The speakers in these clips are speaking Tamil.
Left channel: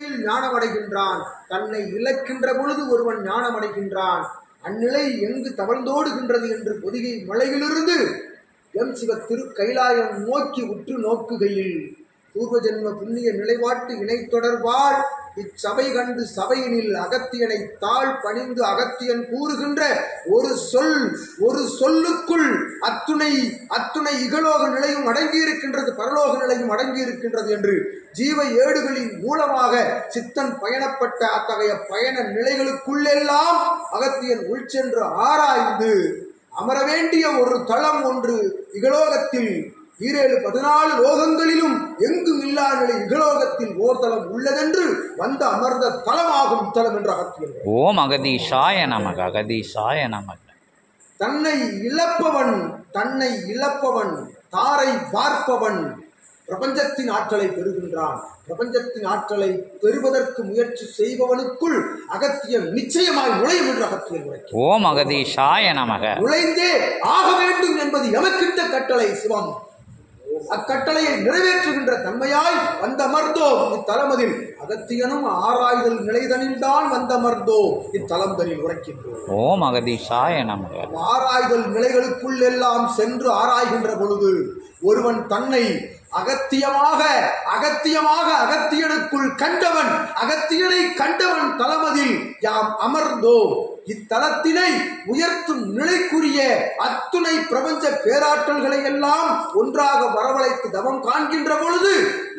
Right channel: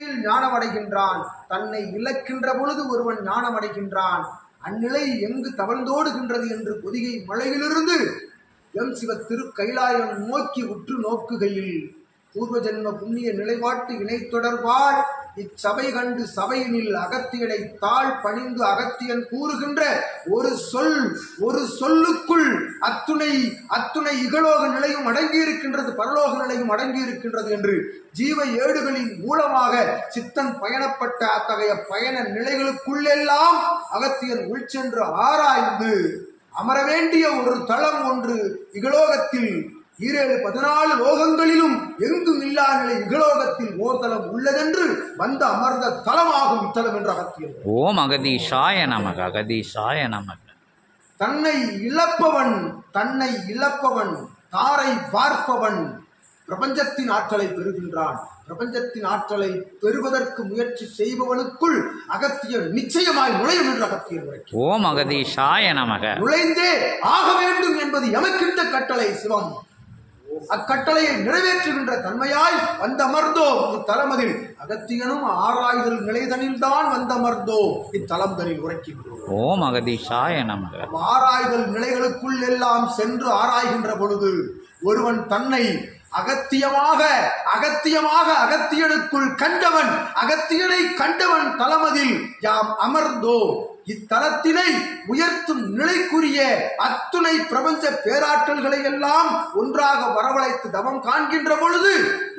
ஞானம் அடைகின்றான். தன்னை இழக்கின்ற பொழுது ஒருவன் ஞானம் அடைகின்றான். அந்நிலை எங்கு தவழ்ந்தோடுகின்றது என்று பொதிகை மலையிலிருந்து எம் சிவ திரு கைலாயம் நோக்கி உற்று நோக்குகையில் பூர்வ ஜென்ம புண்ணிய நிலைப்பாட்டு இணை தொடர்பால் இச்சபை கண்டு சபையினில் அகத்தியனை தாழ் பணிந்து அகத்தியன் கூறுகின்ற ஒரு சொல்லுக்குள் அத்துணை இகலோக நிலையும் அடங்கியிருக்கின்றது, பரலோக நிலையும் அடங்கியிருக்கின்றது என்று ஜீவ ஏடுகளின் மூலமாக சித்தன் பயணப்பட்ட அத்தகைய பயண நிலைகளுக்குள்ளெல்லாம் அகத்தியன் உள்சென்று ஆராய்ந்து அமர வேண்டிய ஒரு தளம் ஒன்று இகலோகத்தில் 14 லோகங்களிலும் எங்கும் இல்லா நிலை இகலோகத்தில் ஓர் தலம் உள்ளதென்று வந்து அமர்ந்த தலமாகும் இத்தலம் என்று அகத்தியன். ஓம் அகதீஷாய நமக. அகதீஷாய நமக. தன்னை இழப்பவன் தாரை பார்ப்பவன் பிரபஞ்சத்தின் ஆற்றலை பெறுகின்றான். பிரபஞ்சத்தின் ஆற்றலை பெறுவதற்கு முயற்சி செய்பவனுக்குள் அகத்தியன் நிச்சயமாய் நுழையும் என்று அகத்தியன் உரைக்கிறார். ஓம் அகதீஷாய நமக. நுழைந்தே ஆக வேண்டும் என்பது எமக்கிட்ட கட்டளை சிவம். அக்கட்டளையை நிறைவேற்றுகின்ற தன்மையாய் வந்தமர்ந்தோம் இத்தலமதில். அகத்தியனும் ஆராய்தல் நிலைதனில் தான் வந்தமர்ந்தோம் இத்தலம்தனில் உரைக்கின்றோம். ஓம் அகதீஷாய நமக. ஆராய்தல் நிலைகளுக்குள் எல்லாம் சென்று ஆராய்கின்ற பொழுது ஒருவன் தன்னை அகத்தியமாக அகத்தியனுக்குள் கண்டவன், அகத்தியனை கண்டவன் தலமதில் யாம் அமர்ந்தோம். இத்தலத்தினை உயர்த்தும் நிலைக்குரிய அத்துணை பிரபஞ்ச பேராற்றல்களை எல்லாம் ஒன்றாக வரவழைத்து தவம் காண்கின்ற பொழுது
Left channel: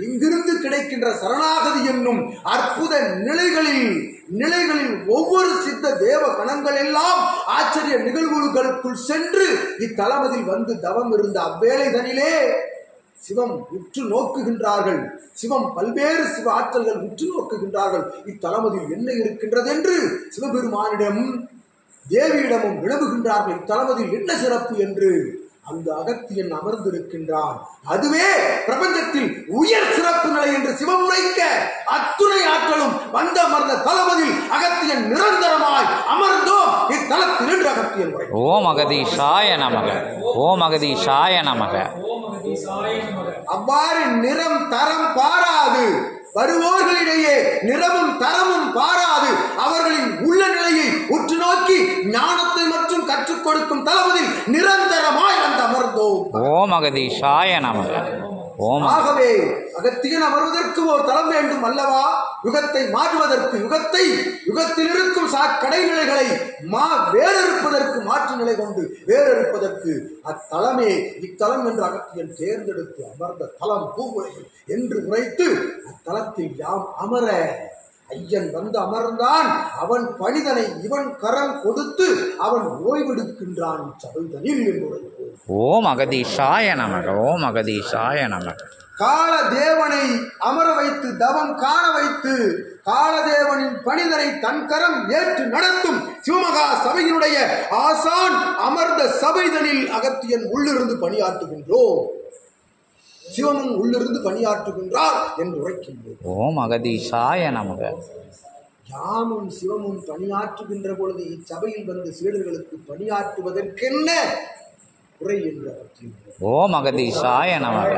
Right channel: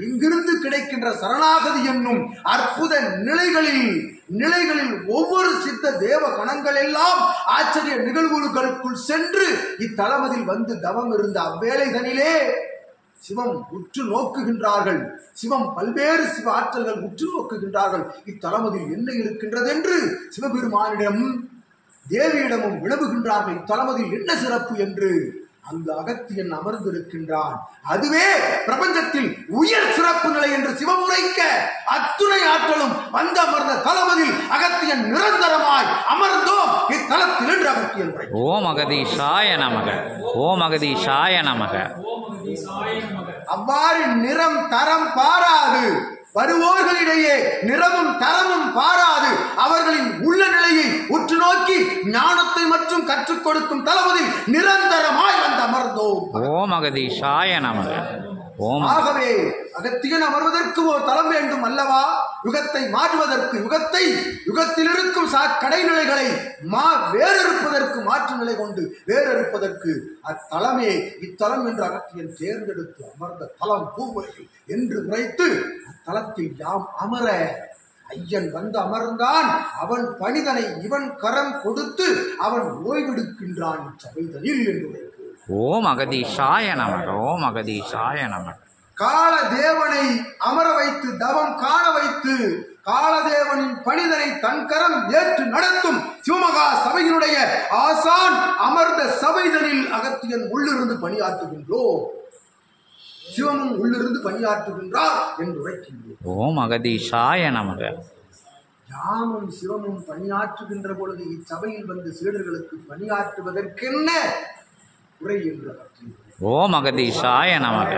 இங்கிருந்து கிடைக்கின்ற சரணாகதி என்னும் அற்புத நிலைகளில் ஒவ்வொரு சித்த தேவ கணங்கள் எல்லாம் ஆச்சரிய நிகழ்வுகளுக்குள் சென்று இத்தலமதில் வந்து தவம் இருந்த அவ்வேளைதனிலே சிவம் உற்று நோக்குகின்றார்கள். சிவம் பல்வேறு சிவ ஆற்றல்கள் உற்று நோக்குகின்றார்கள். இத்தலமதில் என்ன இருக்கின்றது என்று சிவபெருமானிடம் தேவியிடமும் விளவுகின்றார்கள். இத்தலமதில் என்ன சிறப்பு என்று. அங்கு அகத்தியன் அமர்ந்திருக்கின்றான். அதுவே பிரபஞ்சத்தில் உயர் சிறப்பு நிலை என்று சிவம் உரைக்க அத்துணை ஆற்றலும் வந்து அமர்ந்த தலமதில் அகத்தியன் நிரந்தரமாய் அமர்ந்தோம் இத்தலத்தில் என்று அகத்தியன் உரை. ஓம் அகதீஷாய நமக. ஓம் அகதீஷாய நமக. அவ்வாறு நிறம் தரம் பாராது வருவோர்களிடையே நிறமும் தரமும் பாராது அவர்களின் உள்ள நிலையை உற்று நோக்கி ஞானத்தை மற்றும் கற்றுக் கொடுக்கும் தளபதில் நிரந்தரமாய் வந்து அமர்ந்தோம். ஓம் அகதீஷாய நமக. ஆகவே அகத்தியன் அமர்வதற்கு ஒரு தலம் வேண்டும் அல்லவா? யுகத்தை மாற்றுவதற்கு, யுகத்தில் இருக்கும் கடைநிலைகளை வேறறுப்பதற்கு, மாற்று நிலை கொண்டு வேறறுப்பதற்கு அத்தலமே இத்தலம் என்று அகத்தியன் தேர்ந்தெடுத்து அமர்ந்த தலம் பூவுலகு என்று உரைத்து அத்தலத்தில் யாம் அமர ஐயன் வந்து அமர்ந்தான். அவன் பணிதனை இவன் கரம் கொடுத்து அவன் ஓய்வெடுக்கின்றான் இச்சபைதனில் என்று உரைப்போம். ஓம் அகதீஷாய நமக. ஓம் அகதீஷாய நமக. காலதேவனை அமர வைத்து தவம் காண வைத்து காலதேவனின் பணிதனை தன் கரம் ஏற்று நடத்தும் சிவமகா சபையினுடைய ஆசான் அமர்ந்த சபைதனில் அகத்தியன் உள்ளிருந்து பணியாற்றுகின்றோம். சிவமும் உள்ளிருந்து பணியாற்றுகின்றார் என்று உரைக்கின்றோம். ஓம் அகதீஷாய நமக. யாமும் சிவமும் பணியாற்றுகின்ற பொழுது இச்சபையில் வந்து சீடர்களுக்கு பணியாற்றுவதற்கென்ன குறை என்று ஓம் அகதீஷாய நமக.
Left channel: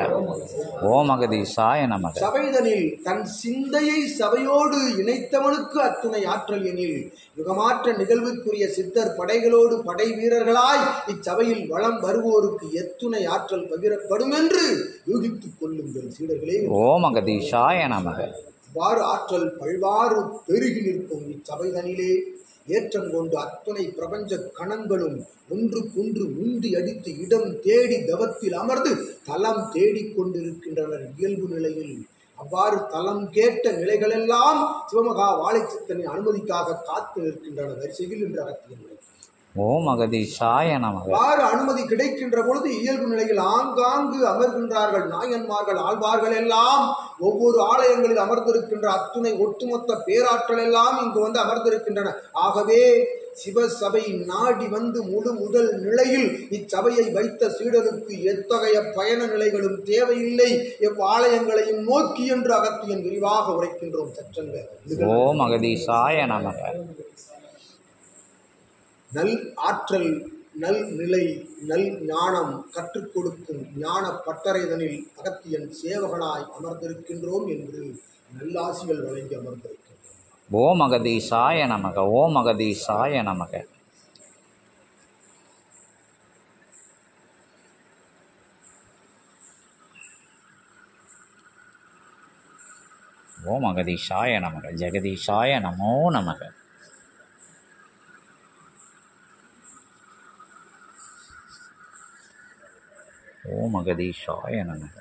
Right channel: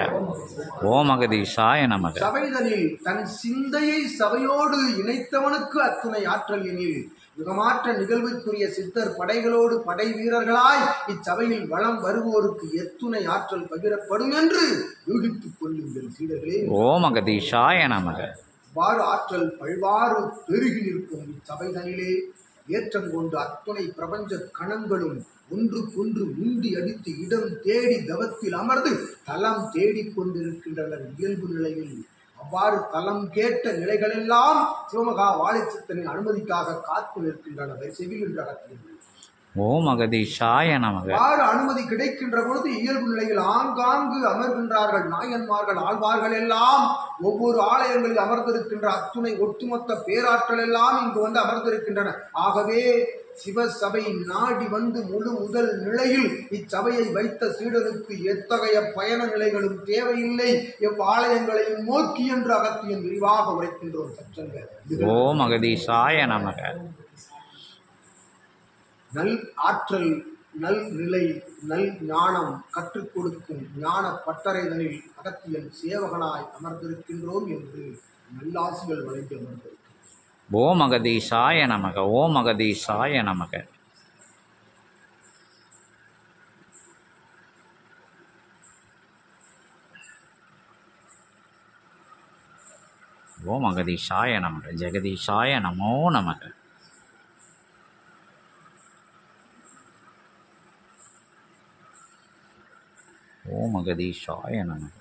ஓம் அகதீஷாய நமக. சபைதனில் தன் சிந்தையை சபையோடு இணைத்தவனுக்கு அத்துணை ஆற்றல் எனில் யுகமாற்ற நிகழ்வுக்குரிய சித்தர் படைகளோடு படை வீரர்களாய் இச்சபையில் வளம் வருவோருக்கு எத்துணை ஆற்றல் பகிரப்படும் என்று யூகித்துக் கொள்ளுங்கள் சீடர்களே. ஓம் அகதீஷாய நமக. வாறு ஆற்றல் பல்வாறு பெருகி நிற்கும் இச்சபைதனிலே ஏற்றம் கொண்டு அத்துணை பிரபஞ்ச கணங்களும் ஒன்றுக்கொன்று முந்தி அடித்து இடம் தேடி தவத்தில் அமர்ந்து தலம் தேடிக்கொண்டிருக்கின்றனர் இயல்பு நிலையில். அவ்வாறு தலம் கேட்ட நிலைகளெல்லாம் சிவமகா வாழைச்சித்தனின் அனுமதிக்காக காத்து நிற்கின்றன வரிசையில் என்று அகத்தியன். ஓம் அகதீஷாய நமக. அவ்வாறு அனுமதி கிடைக்கின்ற பொழுது இயல்பு நிலையில் ஆங்காங்கு அமர்கின்றார்கள் நாயன்மார்கள் ஆழ்வார்கள் எல்லாம். ஒவ்வொரு ஆலயங்களில் அமர்ந்திருக்கின்ற அத்துணை ஒட்டுமொத்த பேராற்றல் எல்லாம் இங்கு வந்து அமர்ந்திருக்கின்றன. ஆகவே சிவசபை நாடி வந்து முழு முதல் நிலையில் இச்சபையை வைத்த சீடனுக்கு எத்தகைய பயண நிலைகளும் தேவையில்லை, எவ்வாலயங்களையும் நோக்கி என்று அகத்தியன் விரிவாக உரைக்கின்றோம். சற்றங்க. ஓம் அகதீஷாய நமக. நல் ஆற்றல், நல் நிலை, நல் ஞானம் கற்றுக் கொடுக்கும் ஞான பட்டறைதனில் அகத்தியன் சேவகனாய் அமர்ந்திருக்கின்றோம் என்று நல்லாசிகள் வழங்கி அமர்ந்திருக்கிறது. ஓம் அகதீசாய நமக. ஓம் அகதீசாய நமக. ஓம் அகதீசாய நமக. ஜெகதீசாய நமோ நமக. ஓம் அகதீசாய நமக.